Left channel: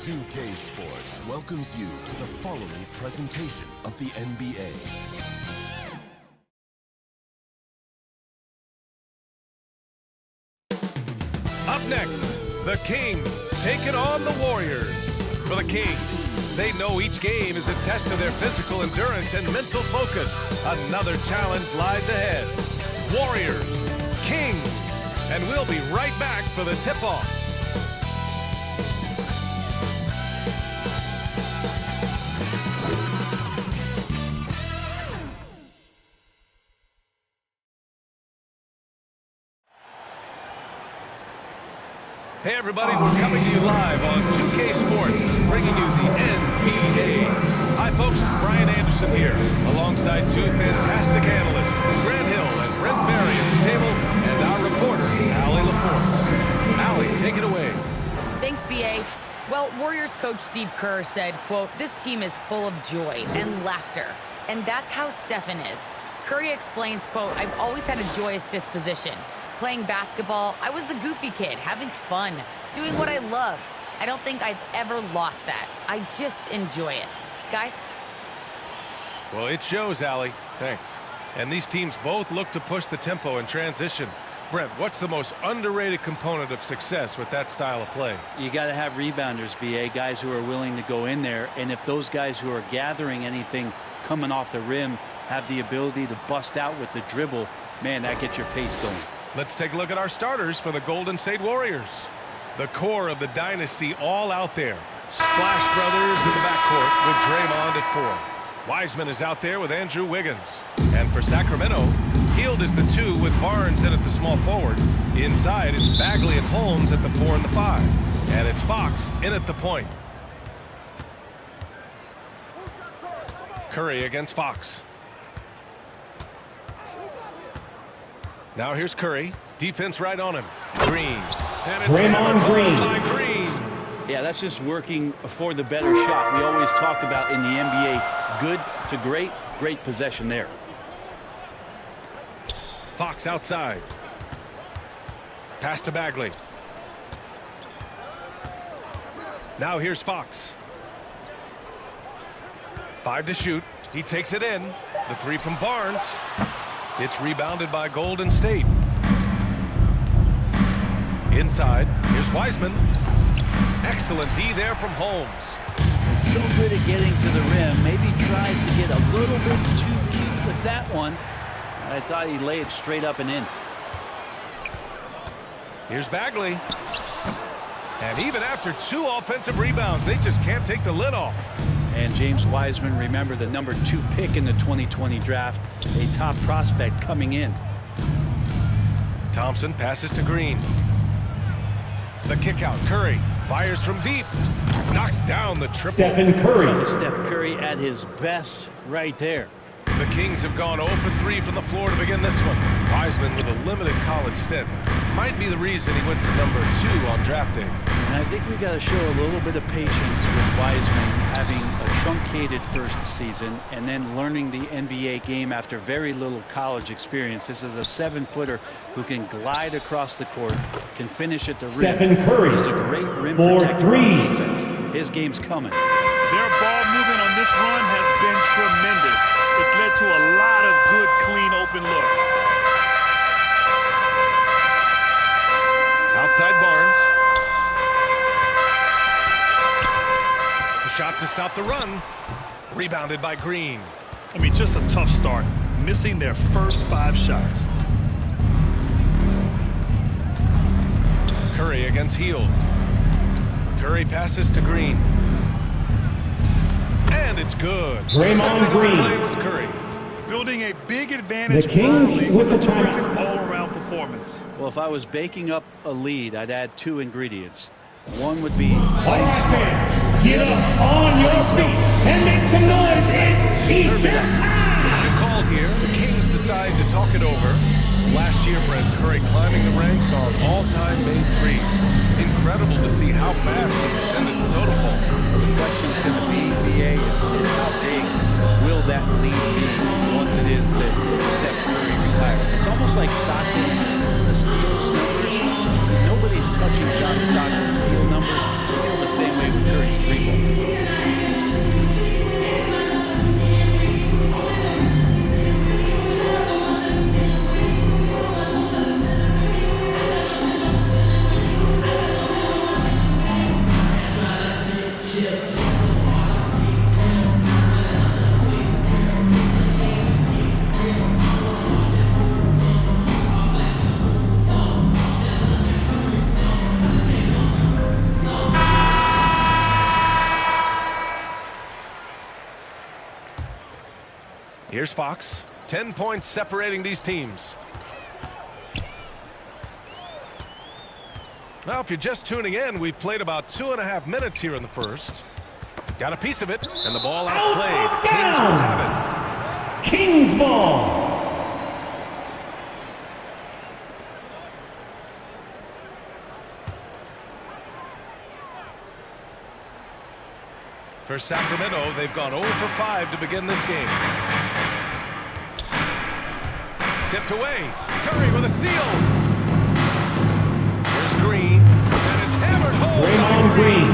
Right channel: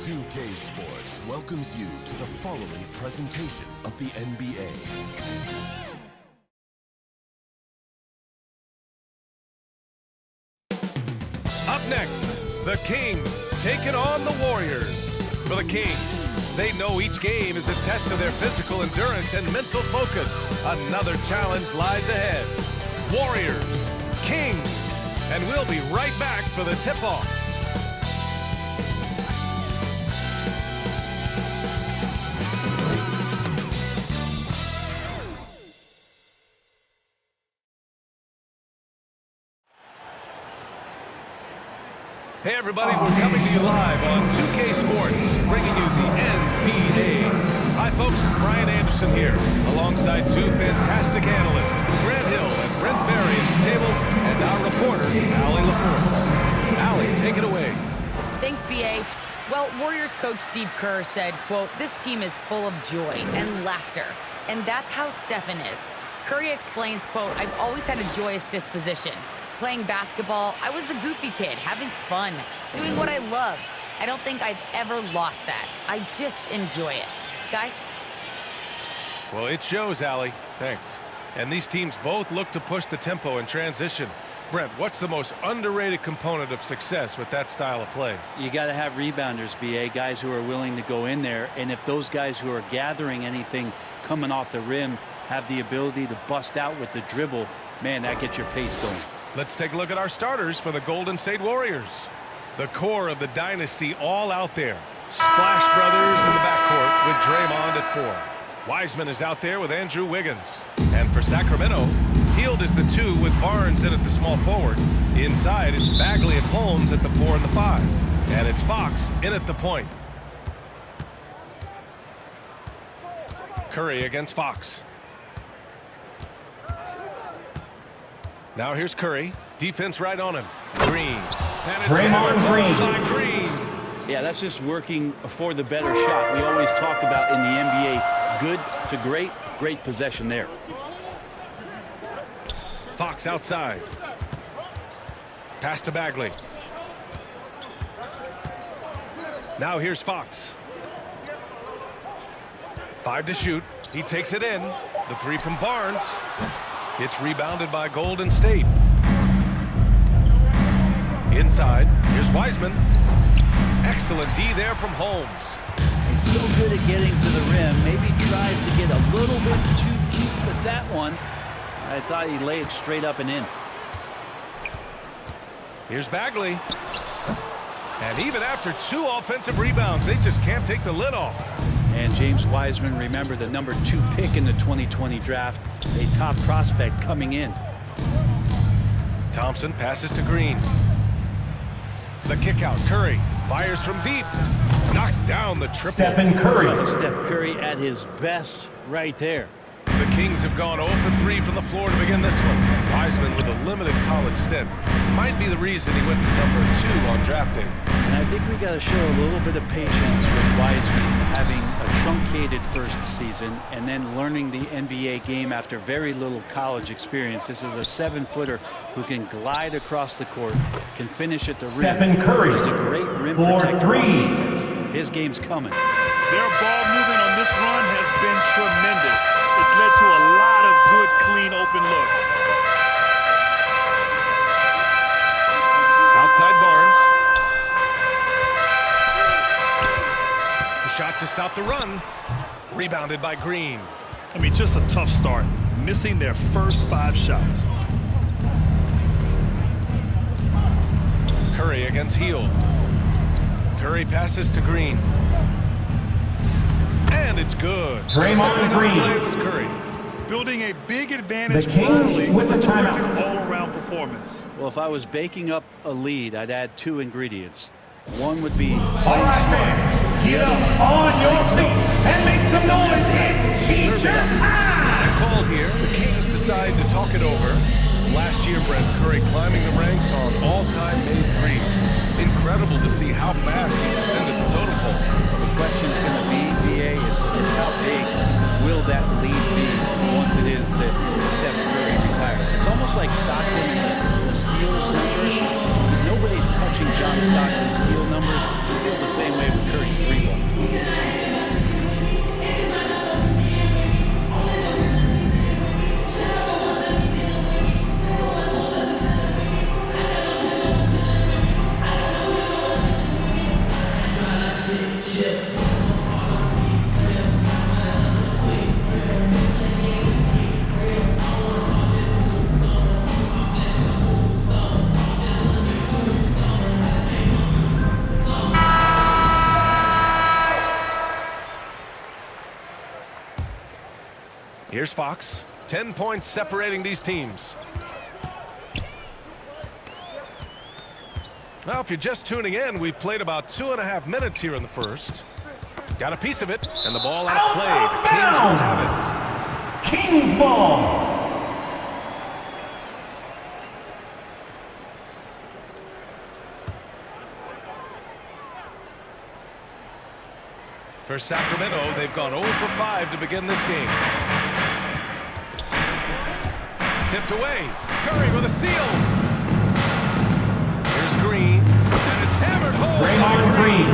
2K Sports welcomes you to the following presentation of the NBA. Up next, the Kings taking on the Warriors. For the Kings, they know each game is a test of their physical endurance and mental focus. Another challenge lies ahead. Warriors, Kings, and we'll be right back for the tip-off. Hey everybody, we're coming to you live on 2K Sports, bringing you the NBA. Hi folks, Brian Anderson here, alongside two fantastic analysts, Grant Hill and Brent Berry at the table, and our reporter, Allie LaForce. Allie, take it away. Thanks, B.A. Well, Warriors coach Steve Kerr said, quote, "This team is full of joy and laughter, and that's how Stephen is." Curry explains, quote, "I've always had a joyous disposition. Playing basketball, I was the goofy kid, having fun, doing what I love. I don't think I've ever lost that. I just enjoy it." Guys? Well, it shows, Allie. Thanks. And these teams both look to push the tempo in transition. Brent, what's the most underrated component of success with that style of play? You got to have rebounders, B.A., guys who are willing to go in there. And if those guys who are gathering anything coming off the rim have the ability to bust out with the dribble, man, that gets your pace going. Let's take a look at our starters for the Golden State Warriors. The core of the dynasty all out there. Splash Brothers in the backcourt with Draymond at 4. Wiseman is out there with Andrew Wiggins. And for Sacramento, Hield is the 2 with Barnes in at the small forward. Inside, it's Bagley and Holmes at the 4 and the 5. And it's Fox in at the point. Curry against Fox. Now here's Curry. Defense right on him. Green. And it's Draymond Green. by Green. Yeah, that's just working for the better shot. We always talk about in the NBA, good to great, great possession there. Fox outside. Pass to Bagley. Now here's Fox. 5 to shoot. He takes it in. The 3 from Barnes. It's rebounded by Golden State. Inside, here's Wiseman. Excellent D there from Holmes. He's so good at getting to the rim. Maybe tries to get a little bit too cute with that one. I thought he'd lay it straight up and in. Here's Bagley. And even after 2 offensive rebounds, they just can't take the lid off. And James Wiseman, remember, the number 2 pick in the 2020 draft, a top prospect coming in. Thompson passes to Green. The kick out. Curry fires from deep. Knocks down the triple. Stephen Curry. Oh, Steph Curry at his best right there. The Kings have gone 0 for 3 from the floor to begin this one. Wiseman with a limited college stint. Might be the reason he went to number 2 on draft day. And I think we got to show a little bit of patience with Wiseman having a truncated first season and then learning the NBA game after very little college experience. This is a 7-footer who can glide across the court, can finish at the rim. Stephen Curry. He's a great rim For protector 3. on defense. His game's coming. Their ball movement on this run has been tremendous. It's led to a lot of good, clean, open looks. Outside Barnes. The shot to stop the run. Rebounded by Green. I mean, just a tough start. Missing their first 5 shots. Curry against Hield. Curry passes to Green. And it's good. Draymond Assisting on the Green. play was Curry. Building a big advantage The Kings early with a the terrific timeout. all-around performance. Well, if I was baking up a lead, I'd add 2 ingredients. One would be All playing right, smart. fans, get up on your feet and make some noise. Serve it up. Time called here. The Kings decide to talk it over. Last year, Brent, Curry climbing the ranks on all-time made threes. Incredible to see how fast he's ascended the totem pole. Well, the question's going to be, BA, is how big will that lead be once it is that Steph Curry retires? It's almost like Stockton and the steals numbers. Nobody's touching John Stockton's steal numbers. I feel the same way with Curry's three ball. Here's Fox. 10 points separating these teams. Now, if you're just tuning in, we've played about 2.5 minutes here in the first. Got a piece of it, and the ball out of play. The Kings will have it. Kings ball. For Sacramento, they've gone 0 for 5 to begin this game. Tipped away. Curry with a steal. Here's Green, and it's hammered home by Green.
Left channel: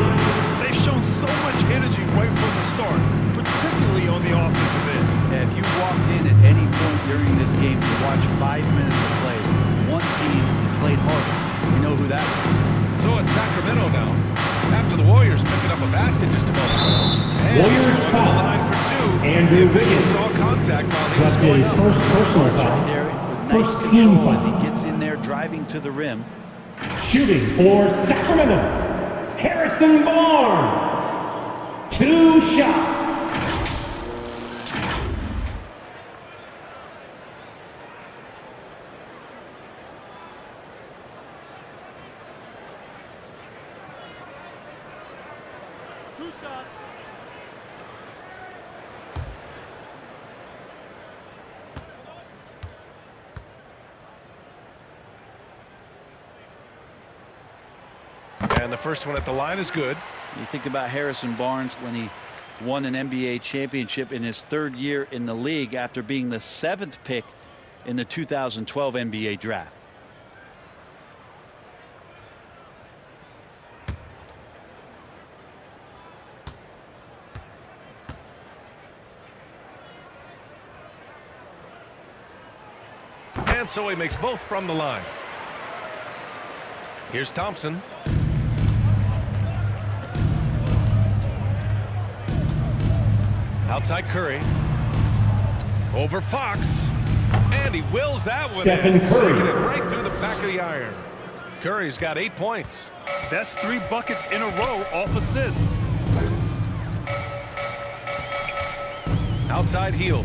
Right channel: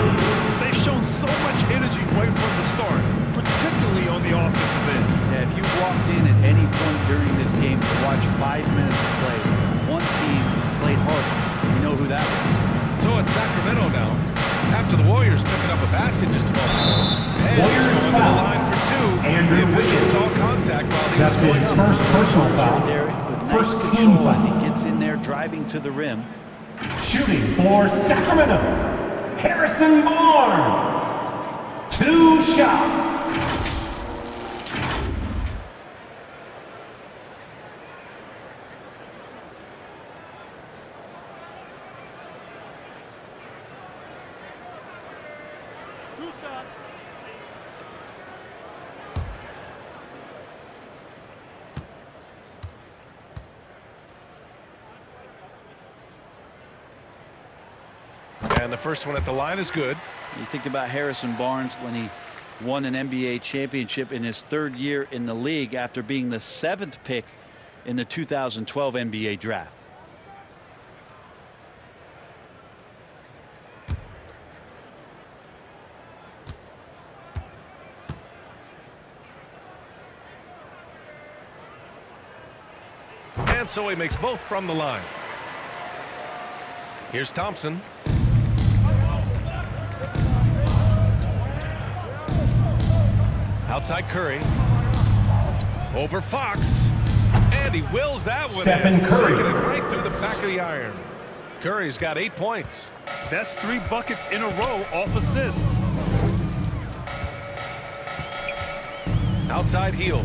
They've shown so much energy right from the start, particularly on the offensive end. Yeah, if you walked in at any point during this game to watch 5 minutes of play, one team played harder. You know who that was. So it's Sacramento now. After the Warriors picking up a basket just a moment ago. And Warriors he's going to the foul. line for two. Andrew the official Wiggins. saw contact while he That's was going his up. first personal foul. Right there with nice First team control as he foul. gets in there driving to the rim. Shooting for Sacramento, Harrison Barnes. 2 shots. Two shots. And the first one at the line is good. You think about Harrison Barnes when he won an NBA championship in his 3rd year in the league after being the 7th pick in the 2012 NBA draft. And so he makes both from the line. Here's Thompson. Outside Curry. Over Fox. And he wills that one Stephen in. Curry. Sinking it right through the back of the iron. Curry's got 8 points. That's 3 buckets in a row off assist. Outside heel.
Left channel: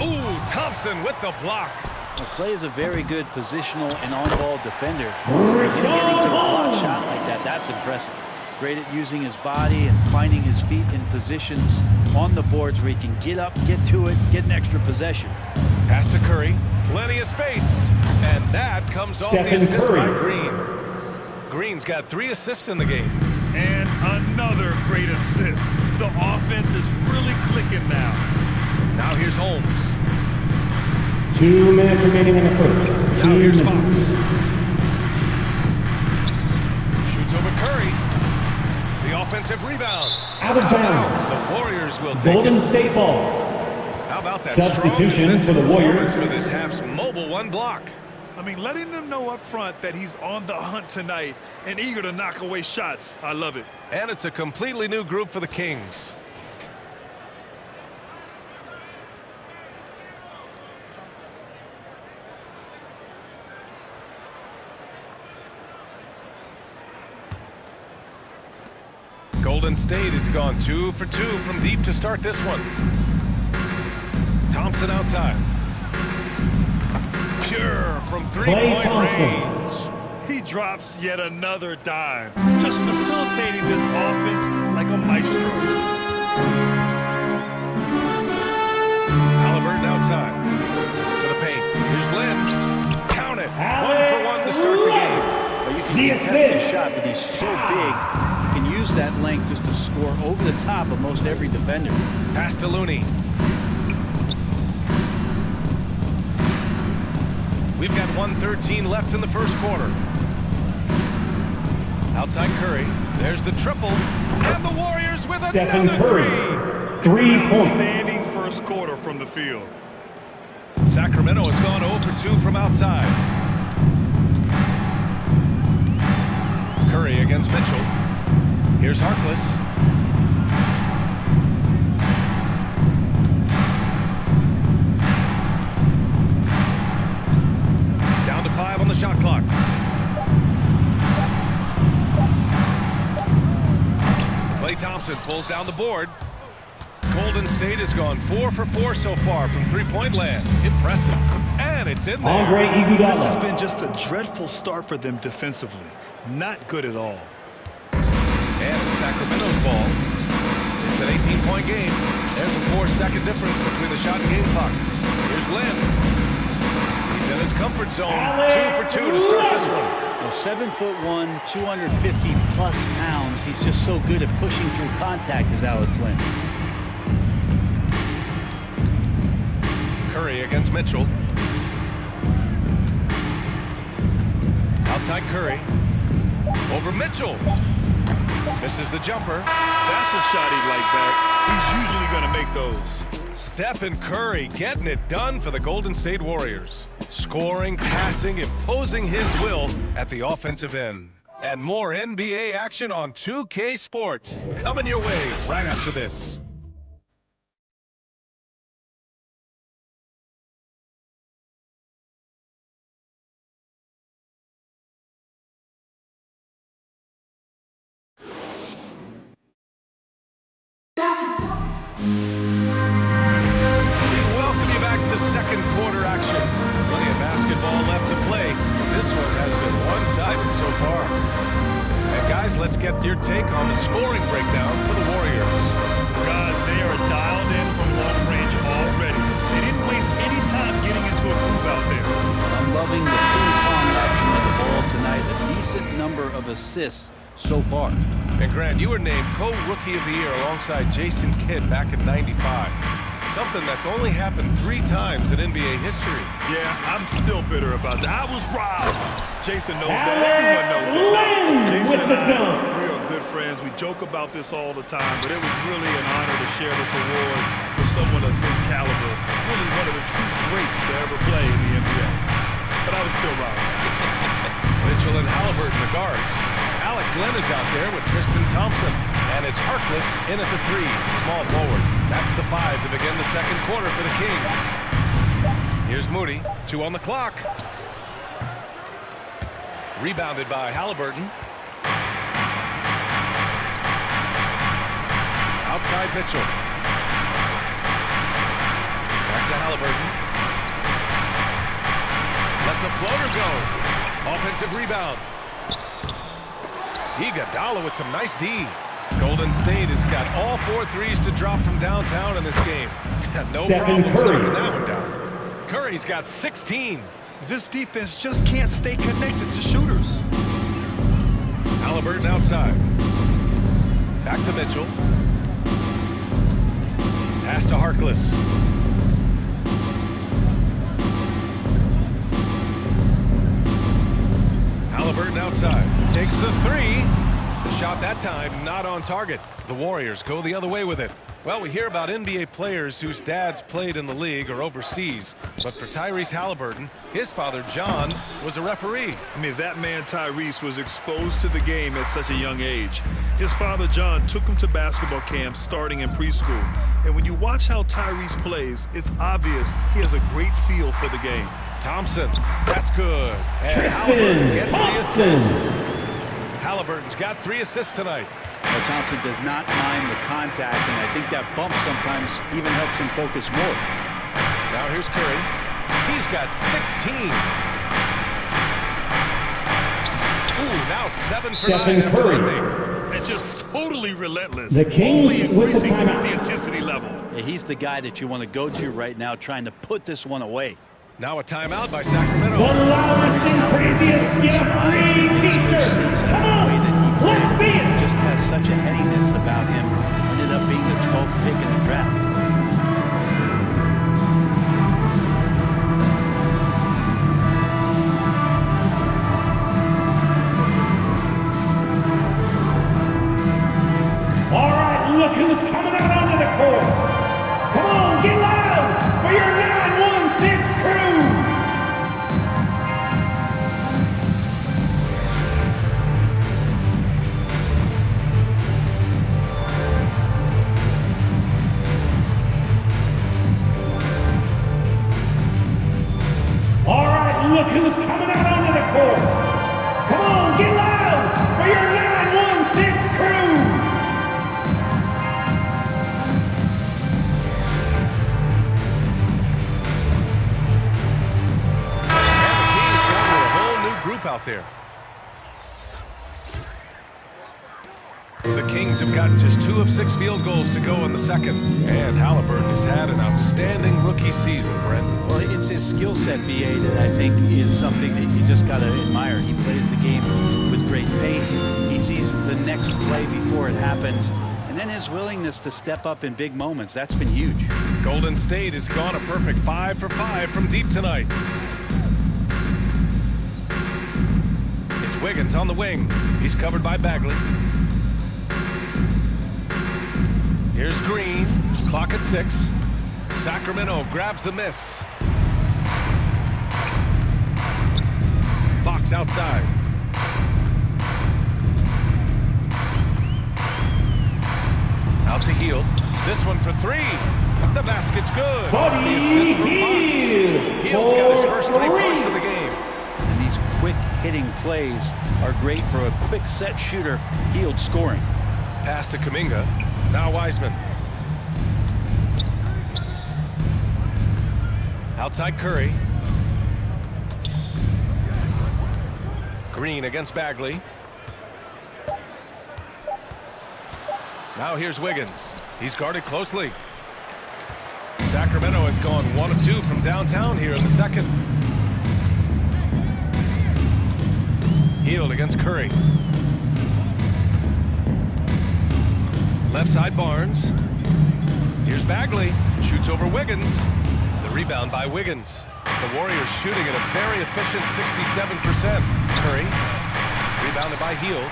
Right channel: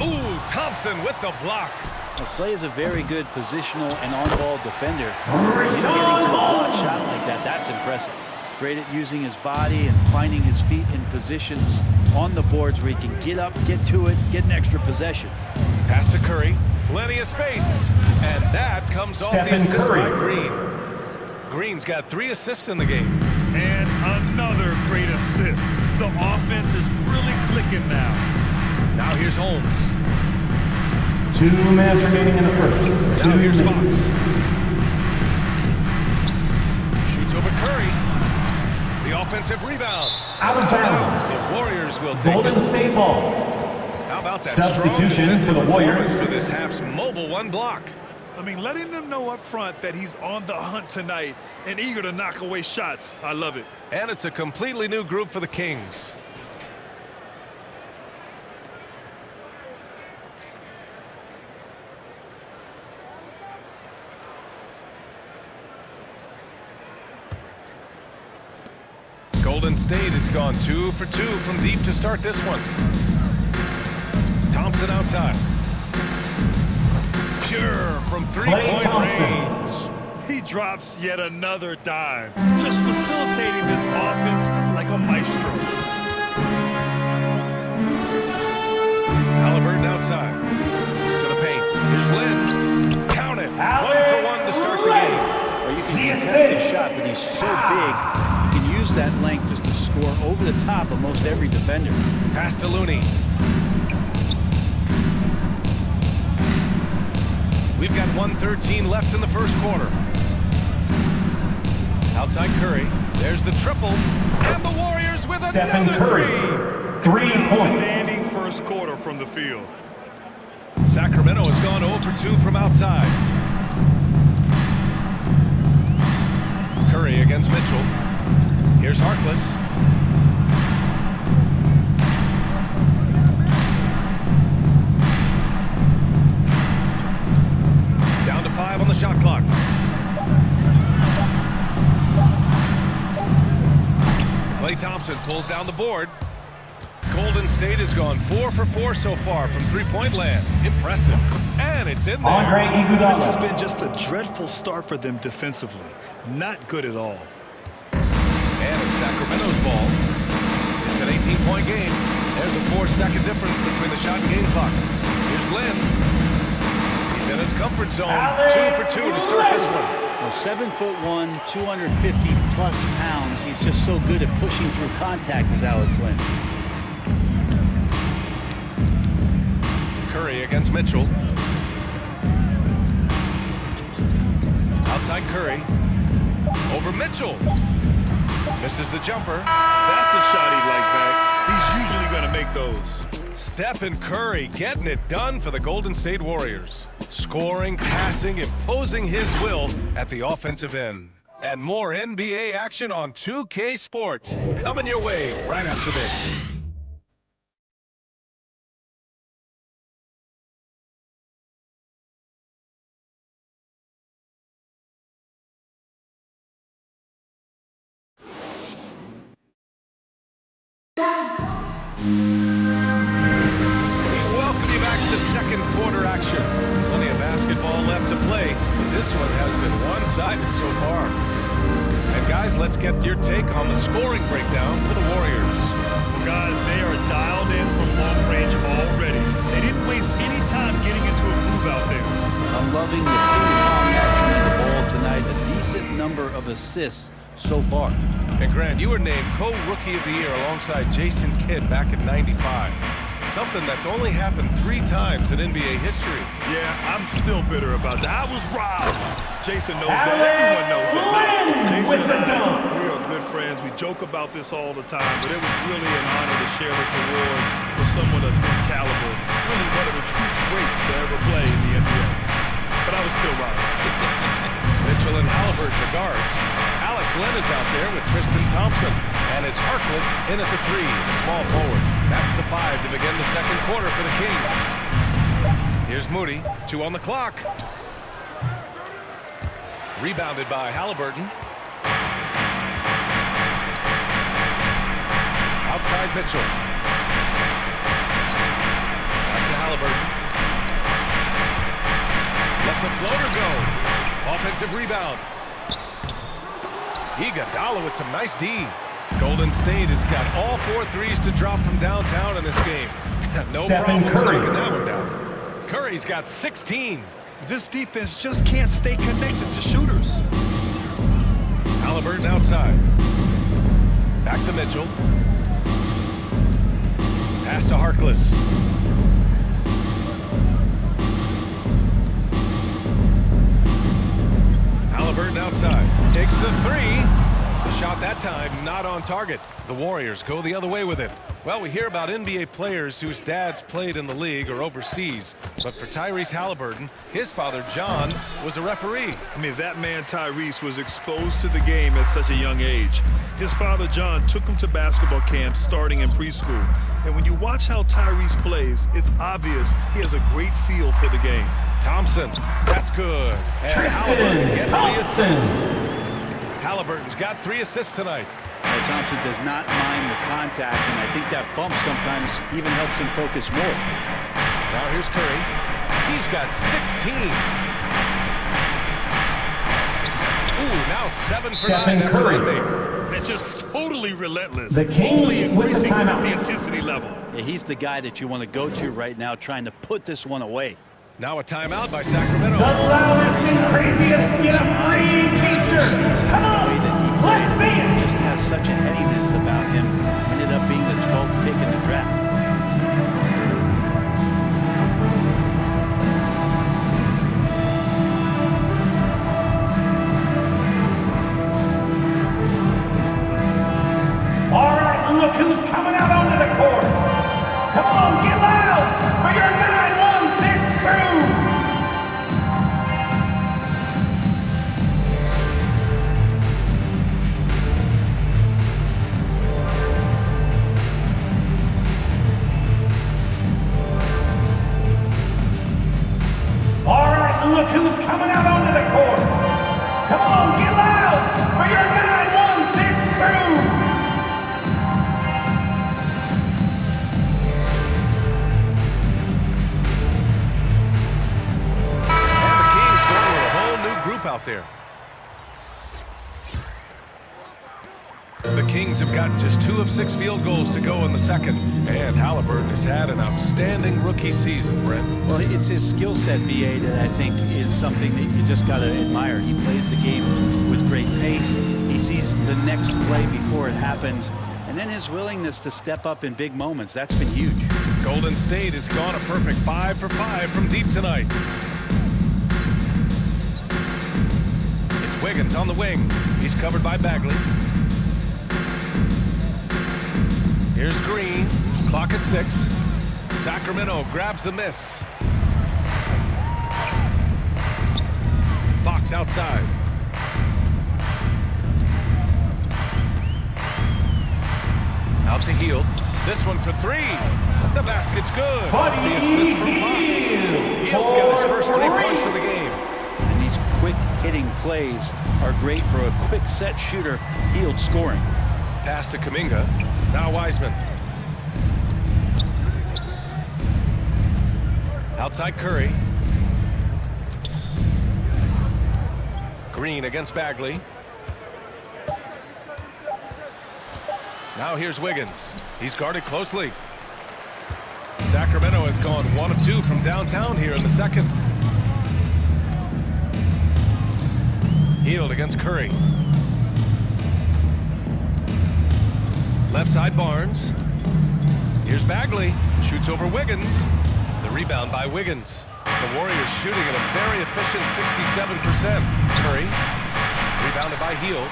Ooh, Thompson with the block. Well, Clay is a very good positional and on-ball defender. Him getting to a block shot like that, that's impressive. Great at using his body and finding his feet in positions on the boards where he can get up, get to it, get an extra possession. Pass to Curry. Plenty of space. And that comes off the Stephen assist Curry. by Green. Green's got 3 assists in the game. And another great assist. The offense is really clicking now. Now here's Holmes. 2 minutes remaining in the first. Now 2 here's minutes. Fox. Shoots over Curry. The offensive rebound. Out of bounds. The Warriors will take Golden it. State ball. How about that Substitution strong defensive for the performance Warriors. for this half's mobile 1 block? I mean, letting them know up front that he's on the hunt tonight and eager to knock away shots. I love it. And it's a completely new group for the Kings. Golden State has gone 2 for 2 from deep to start this one. Thompson outside. Pure from Klay three-point Thompson. range. He drops yet another dime, just facilitating this offense like a maestro. Halliburton outside to the paint. Here's Lynn. Count it. Alex 1 for 1 to start the game. Well, you can The contest his assist. shot, but he's so big, he can use that length just to score over the top of most every defender. Pass to Looney. We've got 1:13 left in the first quarter. Outside Curry. There's the triple. And the Warriors with Stephen another Curry. three. 3 points. Outstanding first quarter from the field. Sacramento has gone 0 for 2 from outside. Curry against Mitchell. Here's Harkless. Down to 5 on the shot clock. Klay Thompson pulls down the board. Golden State has gone 4 for 4 so far from three-point land. Impressive. And it's in there. Andre Iguodala. This has been just a dreadful start for them defensively. Not good at all. And it's Sacramento's ball. It's an 18-point game. There's a 4-second difference between the shot and game clock. Here's Lynn. He's in his comfort zone. Alex 2 for 2 to start this one. Well, 7'1", 250+ pounds. He's just so good at pushing through contact as Alex Lynn. Curry against Mitchell. Outside Curry. Over Mitchell. Misses the jumper. That's a shot he'd like back. He's usually going to make those. Stephen Curry getting it done for the Golden State Warriors. Scoring, passing, imposing his will at the offensive end. And more NBA action on 2K Sports. Coming your way right after this. Welcome you back to second quarter action. Plenty of basketball left to play. This one has been one-sided so far. And guys, let's get your take on the scoring breakdown for the Warriors. Well, guys, they are dialed in from long range already. They didn't waste any time getting into a groove out there. I'm loving the ping-pong action of the ball tonight. A decent number of assists so far. And Grant, you were named co-rookie of the year alongside Jason Kidd back in '95. Something that's only happened 3 times in NBA history. Yeah, I'm still bitter about that. I was robbed. Jason knows that. Alex Everyone knows that. Lynn Jason with the and dunk. we are good friends. We joke about this all the time, but it was really an honor to share this award with someone of his caliber. Really one of the true greats to ever play in the NBA. But I was still robbed. Mitchell and Halliburton, the guards. Alex Lynn is out there with Tristan Thompson. And it's Harkless in at the 3, the small forward. That's the 5 to begin the second quarter for the Kings. Here's Moody, 2 on the clock. Rebounded by Halliburton. Outside Mitchell. Back to Halliburton. Lets a floater go. Offensive rebound. Iguodala with some nice D. Golden State has got all 4 threes to drop from downtown in this game. No Stephen problems Curry. knocking that one down. Curry's got 16. This defense just can't stay connected to shooters. Halliburton outside. Back to Mitchell. Pass to Harkless. Halliburton outside. Takes the 3. The shot that time not on target. The Warriors go the other way with it. Well, we hear about NBA players whose dads played in the league or overseas. But for Tyrese Halliburton, his father, John, was a referee. I mean, that man, Tyrese, was exposed to the game at such a young age. His father, John, took him to basketball camps starting in preschool. And when you watch how Tyrese plays, it's obvious he has a great feel for the game. Thompson, that's good. And Tristan Halliburton gets the Thompson. assist. Halliburton's got 3 assists tonight. Well, Thompson does not mind the contact, and I think that bump sometimes even helps him focus more. Now here's Curry. He's got 16. Ooh, now 7 for Stephen 9 after Curry. that make. and just totally relentless. The Kings Only with the increasing timeout. the intensity level. Yeah, he's the guy that you want to go to right now, trying to put this one away. Now a timeout by Sacramento. The loudest and craziest get a free t-shirt. Come The way on, that he played, let's see it. just has such a headiness about him. Ended up being the 12th pick in the draft. All right, look who's coming out onto the courts. Come on, get loud for your 916 crew. All right, look who's coming out onto the courts. Come on, get loud for your 916 crew. And the Kings going with a whole new group out there. The Kings have gotten just 2 of 6 field goals to go in the second. And Halliburton has had an outstanding rookie season, Brent. Well, it's his skill set, BA, that I think is something that you just got to admire. He plays the game with great pace. He sees the next play before it happens. And then his willingness to step up in big moments. That's been huge. Golden State has gone a perfect 5 for 5 from deep tonight. It's Wiggins on the wing. He's covered by Bagley. Here's Green. Clock at 6. Sacramento grabs the miss. Fox outside. Out to Hield. This one for 3. The basket's good. Off the assist from Fox. Hield's got his first 3 points of the game. And these quick hitting plays are great for a quick set shooter. Hield scoring. Pass to Kuminga. Now Wiseman. Outside Curry. Green against Bagley. Now here's Wiggins. He's guarded closely. Sacramento has gone 1 of 2 from downtown here in the second. Hield against Curry. Left side Barnes. Here's Bagley. Shoots over Wiggins. The rebound by Wiggins. The Warriors shooting at a very efficient 67%. Curry. Rebounded by Hield.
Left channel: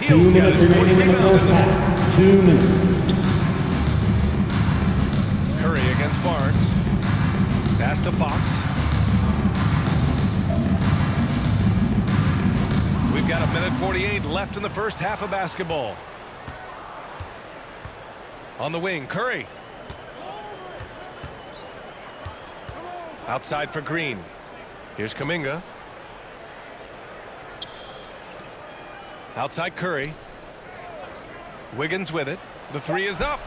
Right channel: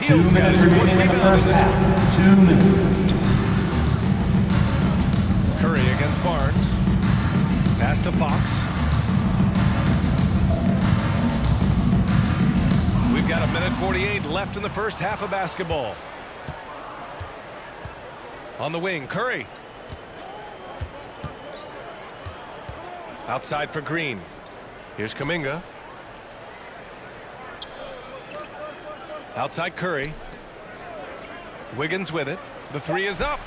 2 Hield's got minutes his 4th remaining in the rebound first in this one. half. 2 minutes. Curry against Barnes. Pass to Fox. We've got 1:48 left in the first half of basketball. On the wing, Curry. Outside for Green. Here's Kuminga. Outside Curry. Wiggins with it. The 3 is up.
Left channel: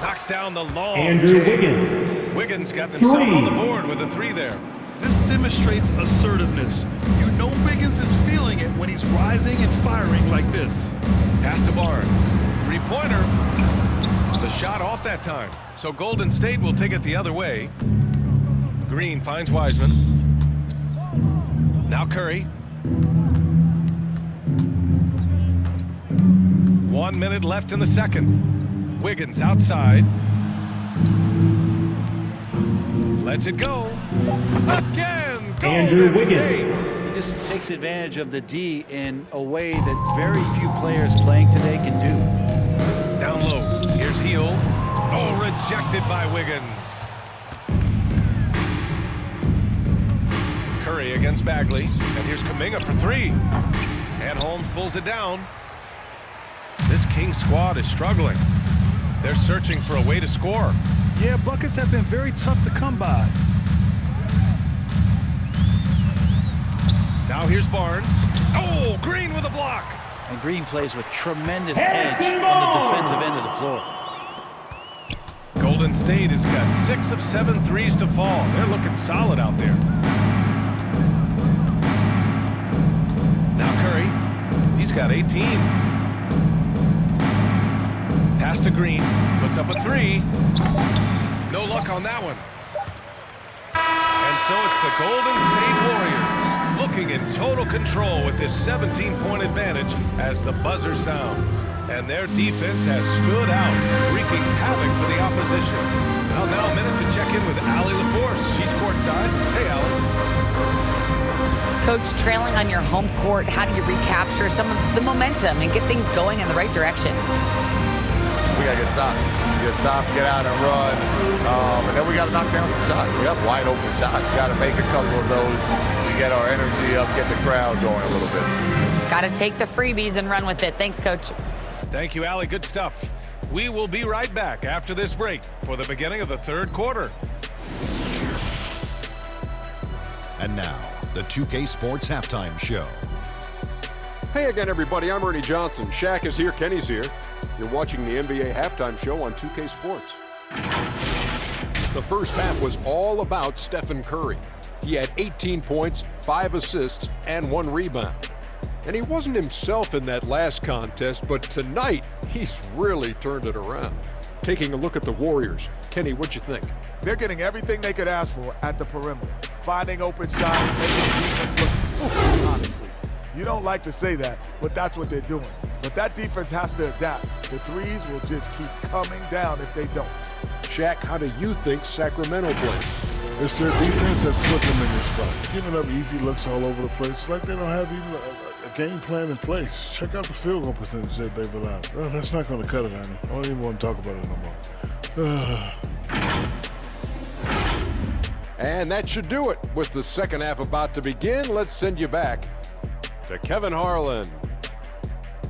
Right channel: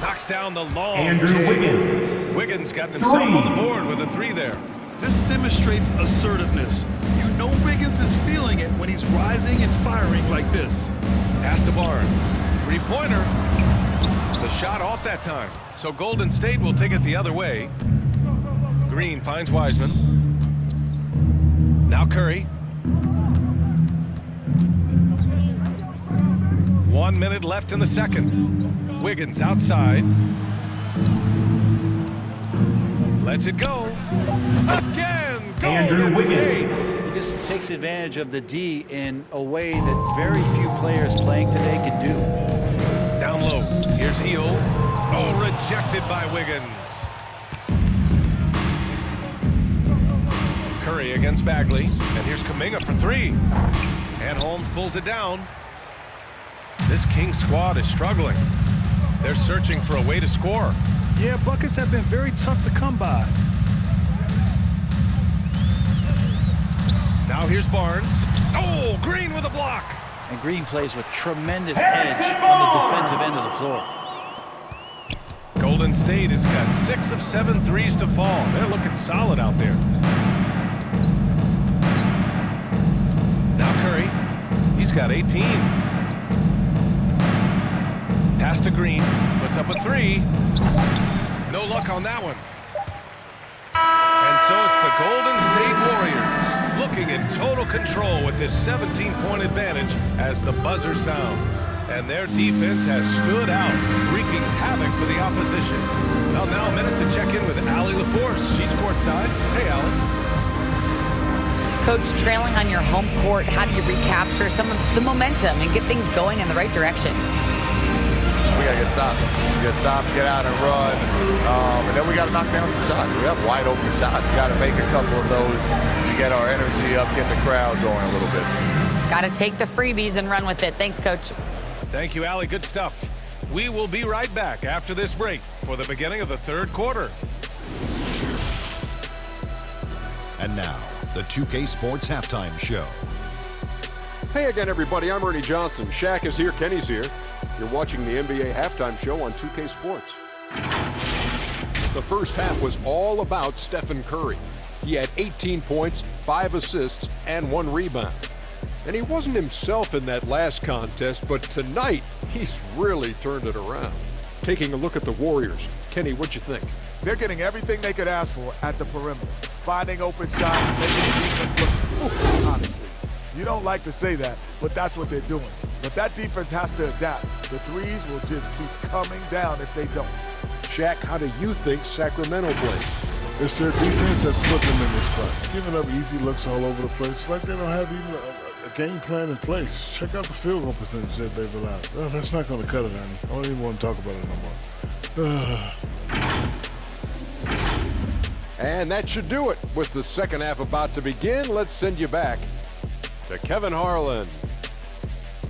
Knocks down the long Andrew J. Wiggins. Wiggins got himself 3. on the board with a 3 there. This demonstrates assertiveness. You know Wiggins is feeling it when he's rising and firing like this. Pass to Barnes. 3-pointer. The shot off that time. So Golden State will take it the other way. Green finds Wiseman. Now Curry. 1 minute left in the second. Wiggins outside. Lets it go. Again, Andrew Golden Wiggins. State. He just takes advantage of the D in a way that very few players playing today can do. Down low. Here's Hield. Oh, rejected by Wiggins. Curry against Bagley. And here's Kuminga for 3. And Holmes pulls it down. This Kings squad is struggling. They're searching for a way to score. Yeah, buckets have been very tough to come by. Now here's Barnes. Oh, Green with a block. And Green plays with tremendous Harrison edge on the Barnes. defensive end of the floor. Golden State has got 6 of 7 threes to fall. They're looking solid out there. Now Curry. He's got 18. Pass to Green. Puts up a three. No luck on that one. And so it's the Golden State Warriors looking in total control with this 17-point advantage as the buzzer sounds. And their defense has stood out, wreaking havoc for the opposition. Well, now a minute to check in with Allie LaForce. She's courtside. Hey, Allie. Coach, trailing on your home court, how do you recapture some of the momentum and get things going in the right direction? We got to get stops. Get stops, get out and run. And then we got to knock down some shots. We have wide open shots. We got to make a couple of those to get our energy up, get the crowd going a little bit. Got to take the freebies and run with it. Thanks, Coach. Thank you, Allie. Good stuff. We will be right back after this break for the beginning of the third quarter. And now, the 2K Sports Halftime Show. Hey again, everybody. I'm Ernie Johnson. Shaq is here. Kenny's here. You're watching the NBA Halftime Show on 2K Sports. The first half was all about Stephen Curry. He had 18 points, 5 assists, and 1 rebound. And he wasn't himself in that last contest, but tonight, he's really turned it around. Taking a look at the Warriors. Kenny, what'd you think? They're getting everything they could ask for at the perimeter. Finding open shots, making the defense look, honestly. You don't like to say that, but that's what they're doing. But that defense has to adapt. The threes will just keep coming down if they don't. Shaq, how do you think Sacramento played? It's their defense that's put them in this spot. Giving up easy looks all over the place. It's like they don't have even a game plan in place. Check out the field goal percentage that they've allowed. Oh, that's not going to cut it, honey. I don't even want to talk about it no more. And that should do it. With the second half about to begin, let's send you back to Kevin Harlan.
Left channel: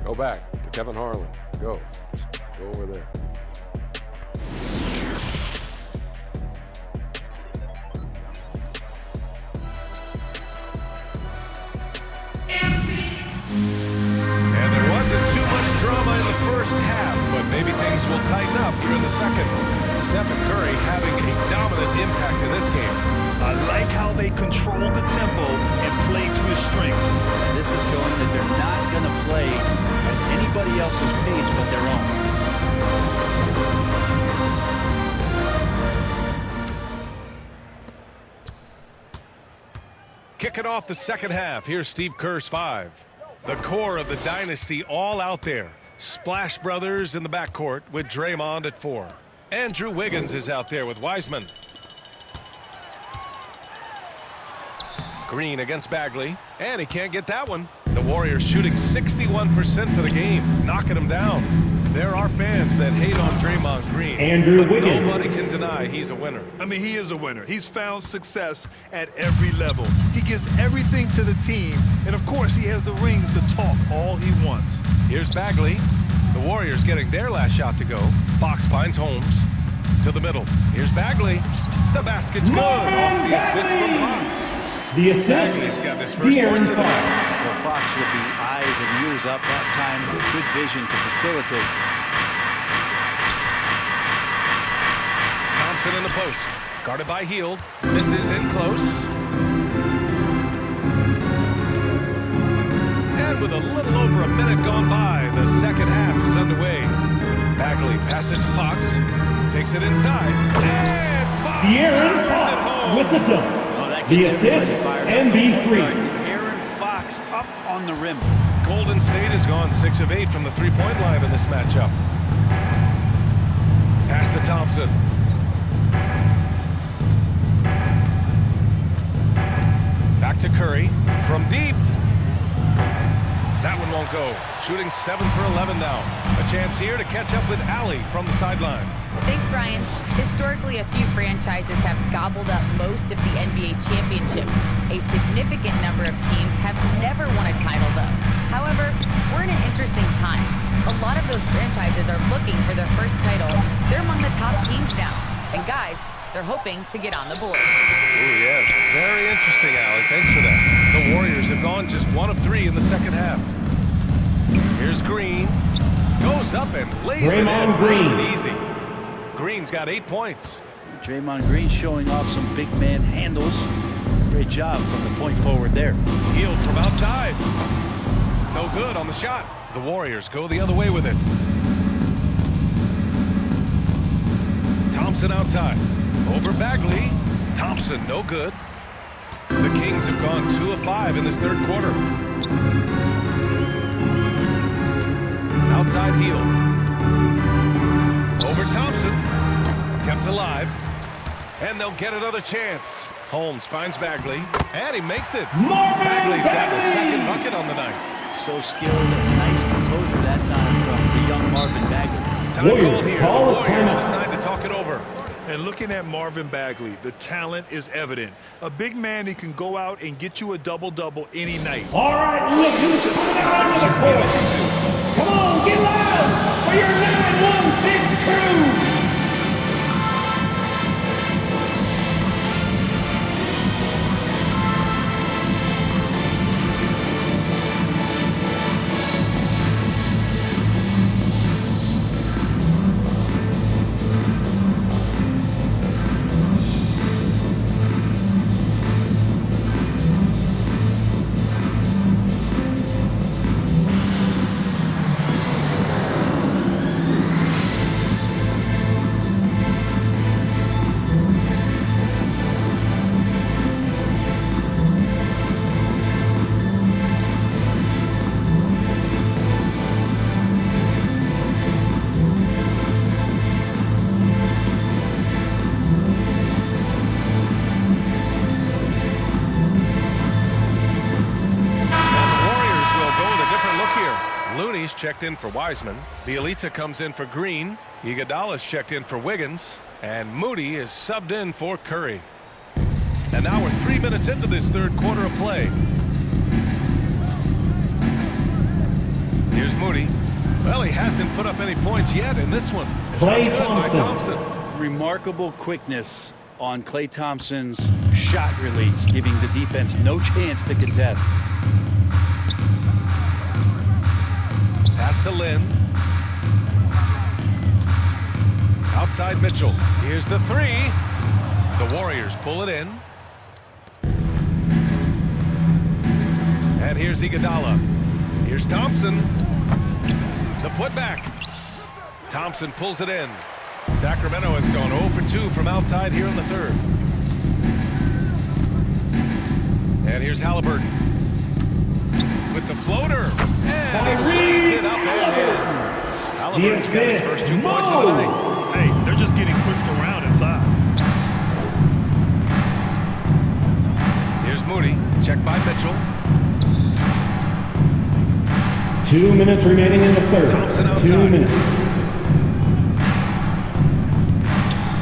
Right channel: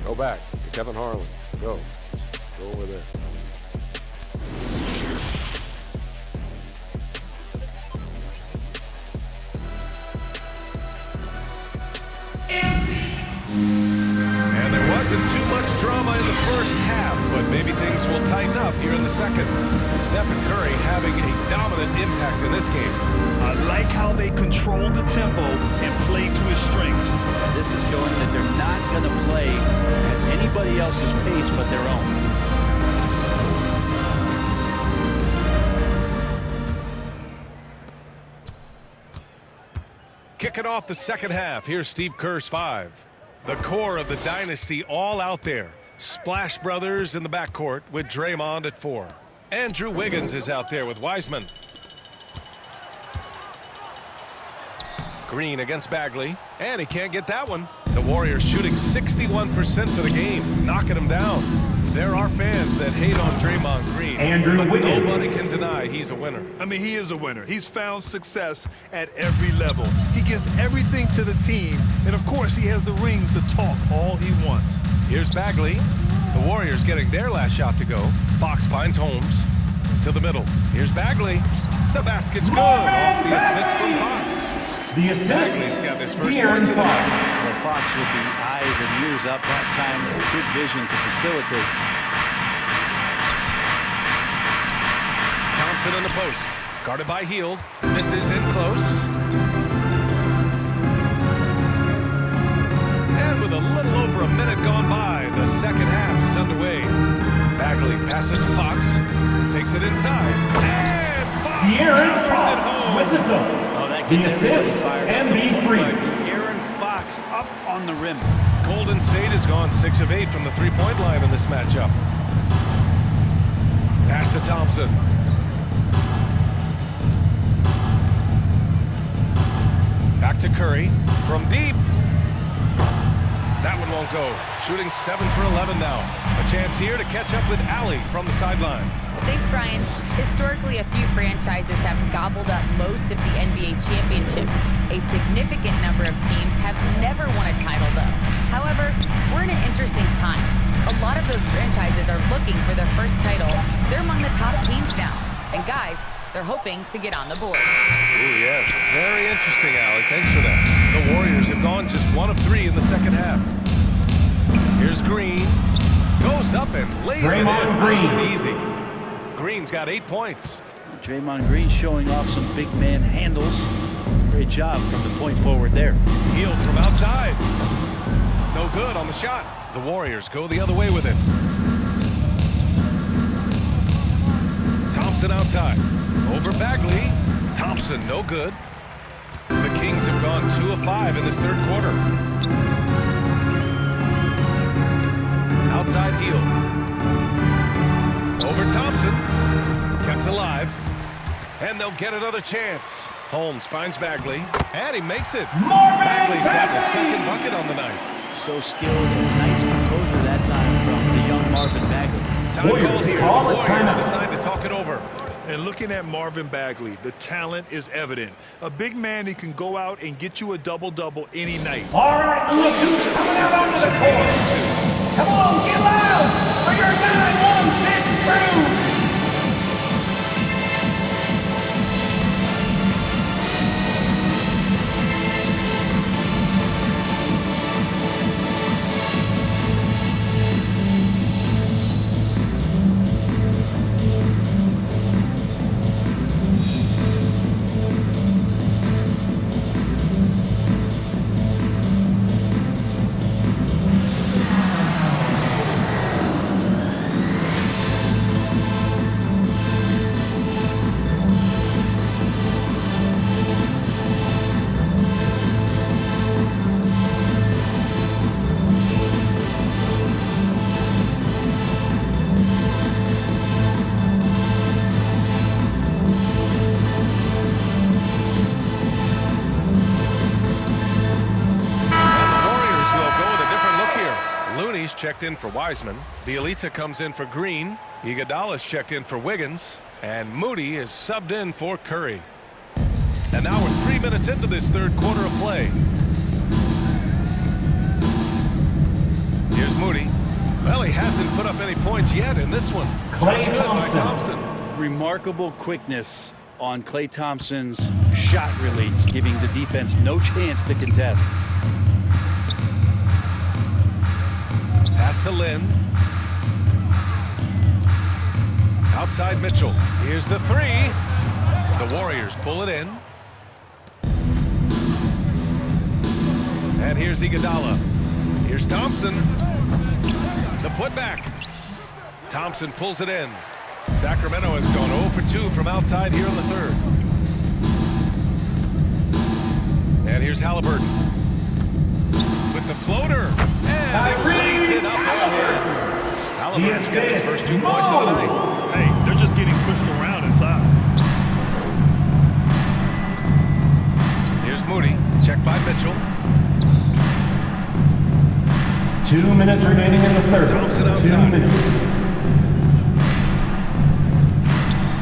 Go back to Kevin Harlan. Go over there. And there wasn't too much drama in the first half, but maybe things will tighten up here in the second. Stephen Curry having a dominant impact in this game. I like how they control the tempo and play to his strengths. This is showing that they're not going to play at anybody else's pace but their own. Kicking off the second half, here's Steve Kerr's 5. The core of the dynasty all out there. Splash Brothers in the backcourt with Draymond at 4. Andrew Wiggins is out there with Wiseman. Green against Bagley, and he can't get that one. The Warriors shooting 61% for the game, knocking them down. There are fans that hate on Draymond Green, Andrew but Wiggins. nobody can deny he's a winner. I mean, he is a winner. He's found success at every level. He gives everything to the team, and of course, he has the rings to talk all he wants. Here's Bagley. The Warriors getting their last shot to go. Fox finds Holmes to the middle. Here's Bagley. The basket's good off the assist from Fox. The assist, Bagley's got his first De'Aaron points of the Fox. night. Well, Fox with the eyes and ears up that time. Good vision to facilitate. Thompson in the post. Guarded by Hield. Misses in close. And with a little over a minute gone by, the second half is underway. Bagley passes to Fox. Takes it inside. And Fox De'Aaron powers it Fox home. with the dunk. Oh, that The gets everybody assist, fired up. The point MB3. guard, De'Aaron Fox up on the rim. Golden State has gone 6 of 8 from the three-point line in this matchup. Pass to Thompson. Back to Curry from deep. That one won't go. Shooting 7 for 11 now. A chance here to catch up with Allie from the sideline. Thanks, Brian. Historically, a few franchises have gobbled up most of the NBA championships. A significant number of teams have never won a title, though. However, we're in an interesting time. A lot of those franchises are looking for their first title. They're among the top teams now. And guys, they're hoping to get on the board. Ooh, yes. Very interesting, Allie. Thanks for that. The Warriors have gone just 1 of 3 in the second half. Here's Green. Goes up and lays it in. Draymond Nice Green. and easy. Green's got 8 points. Draymond Green showing off some big man handles. Great job from the point forward there. Hield from outside. No good on the shot. The Warriors go the other way with it. Thompson outside. Over Bagley. Thompson, no good. The Kings have gone 2 of 5 in this third quarter. Outside heel. Over Thompson. Kept alive. And they'll get another chance. Holmes finds Bagley. And he makes it. Bagley's got his second bucket on the night. So skilled and nice composure that time from the young Marvin Bagley. Time called here. The call a Warriors timeout. decide to talk it over. And looking at Marvin Bagley, the talent is evident. A big man who can go out and get you a double-double any night. All right, look who's coming out onto the court. Come on, get loud for your 916 crew. Looney's checked in for Wiseman. Bielitsa comes in for Green. Iguodala's checked in for Wiggins. And Moody is subbed in for Curry. And now we're 3 minutes into this third quarter of play. Here's Moody. Well, he hasn't put up any points yet in this one. Klay Shots good by Thompson. Thompson. Remarkable quickness on Klay Thompson's shot release, giving the defense no chance to contest. Pass to Lynn. Outside Mitchell. Here's the three. The Warriors pull it in. And here's Iguodala. Here's Thompson. The putback. Thompson pulls it in. Sacramento has gone 0 for 2 from outside here in the third. And here's Halliburton. With the floater. And he lays it up and in. Halliburton's got his first 2 points of the night. Hey, they're just getting pushed around inside. Here's Moody. Checked by Mitchell. 2 minutes remaining in the third. Thompson outside. 2 minutes.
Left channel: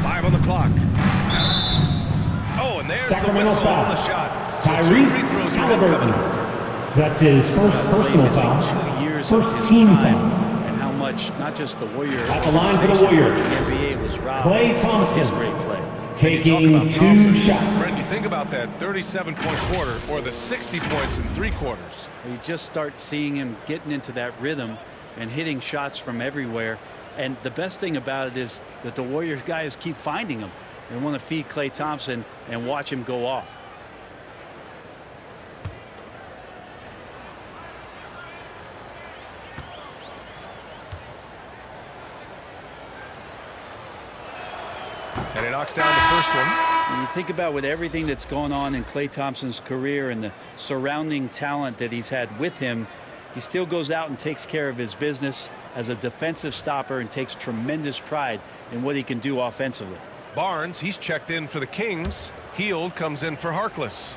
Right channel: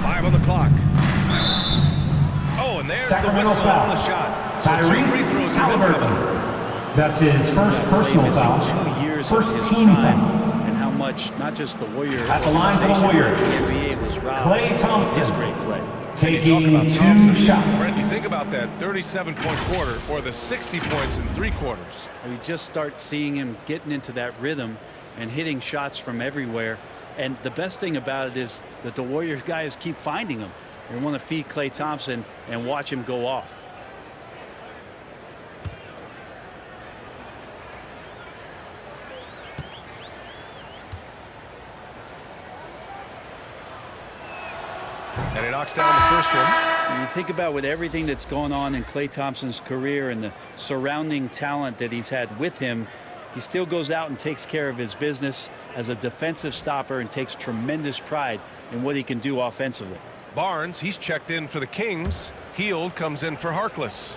5 on the clock. Oh, and there's Sacramento the whistle foul. on the shot. So 2 Tyrese free throws for him Halliburton. coming. That's his first personal foul. 2 years First of his team prime, foul. and how much not just the Warriors At the line for the Warriors. The NBA was robbed Klay of Thompson. his great play. Taking Talk about 2 Thompson. shots. Brent, you think about that 37-point quarter or the 60 points in 3 quarters. You just start seeing him getting into that rhythm and hitting shots from everywhere. And the best thing about it is that the Warriors guys keep finding him. They want to feed Klay Thompson and watch him go off. And he knocks down the first one. And you think about with everything that's going on in Klay Thompson's career and the surrounding talent that he's had with him, he still goes out and takes care of his business as a defensive stopper and takes tremendous pride in what he can do offensively. Barnes, he's checked in for the Kings. Hield comes in for Harkless.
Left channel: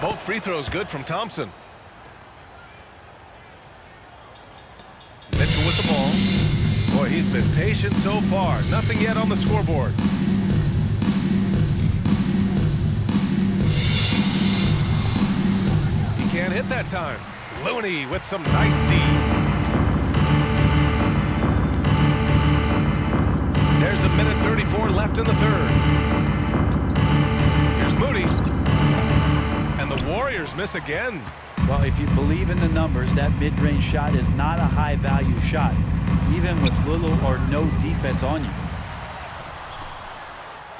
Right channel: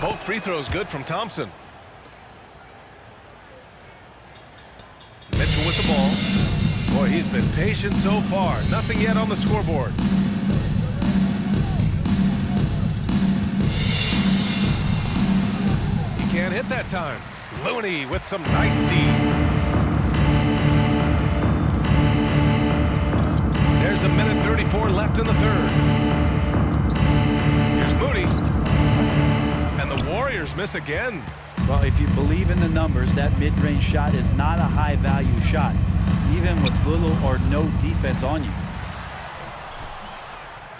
Both free throws good from Thompson. Mitchell with the ball. Boy, he's been patient so far. Nothing yet on the scoreboard. He can't hit that time. Looney with some nice D. There's 1:34 left in the third. Here's Moody. And the Warriors miss again. Well, if you believe in the numbers, that mid-range shot is not a high-value shot, even with little or no defense on you.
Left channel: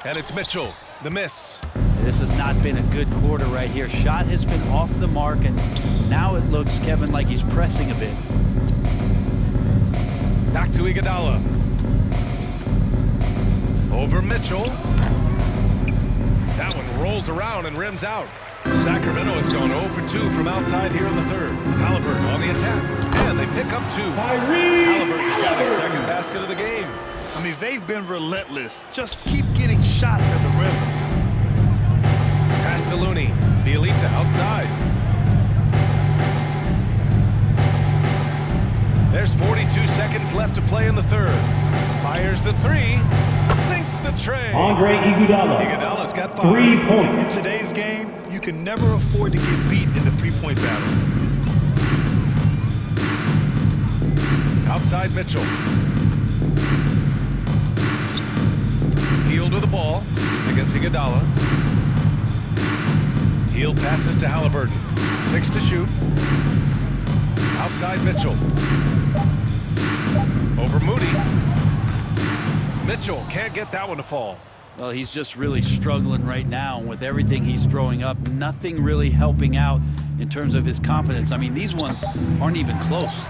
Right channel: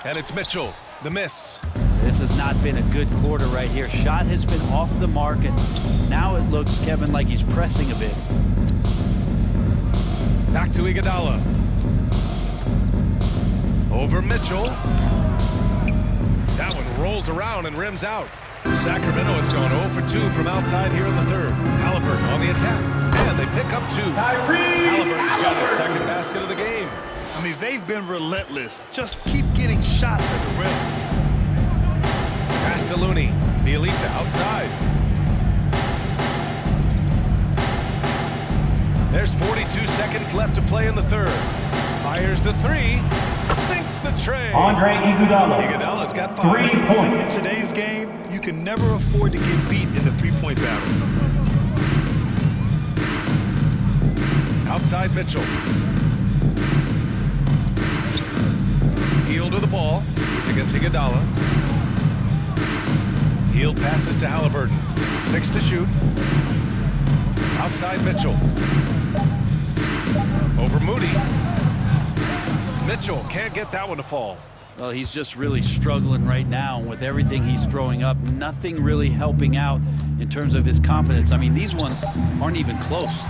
And it's Mitchell, the miss. This has not been a good quarter right here. Shot has been off the mark, and now it looks, Kevin, like he's pressing a bit. Back to Iguodala. Over Mitchell. That one rolls around and rims out. Sacramento has gone 0 for 2 from outside here in the third. Halliburton on the attack. And they pick up 2. Halliburton's got his second basket of the game. I mean, they've been relentless. Just keep getting shots at the rim. Pass to Looney. Bielitsa outside. There's 42 seconds left to play in the third. Fires the 3. Sinks the tray. Andre Iguodala. Iguodala's got 5. 3 points. In today's game, you can never afford to get beat in the three-point battle. Outside Mitchell. Hield with the ball. He's against Iguodala. Hield passes to Halliburton. 6 to shoot. Outside Mitchell. Over Moody. Mitchell can't get that one to fall. Well, he's just really struggling right now with everything he's throwing up. Nothing really helping out in terms of his confidence. I mean, these ones aren't even close.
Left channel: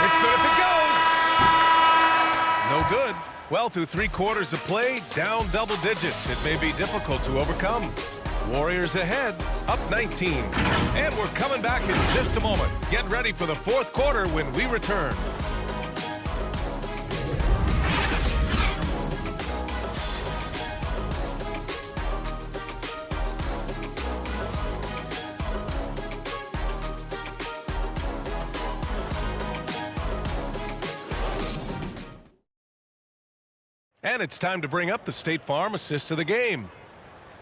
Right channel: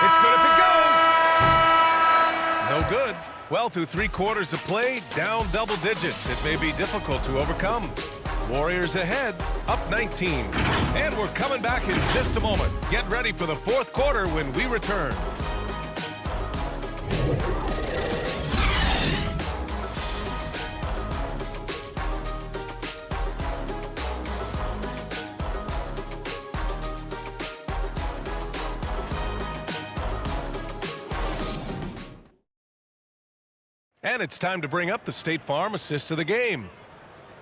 It's good if it goes. No good. Well, through 3 quarters of play, down double digits. It may be difficult to overcome. Warriors ahead, up 19. And we're coming back in just a moment. Get ready for the 4th quarter when we return. And it's time to bring up the State Farm assist of the game.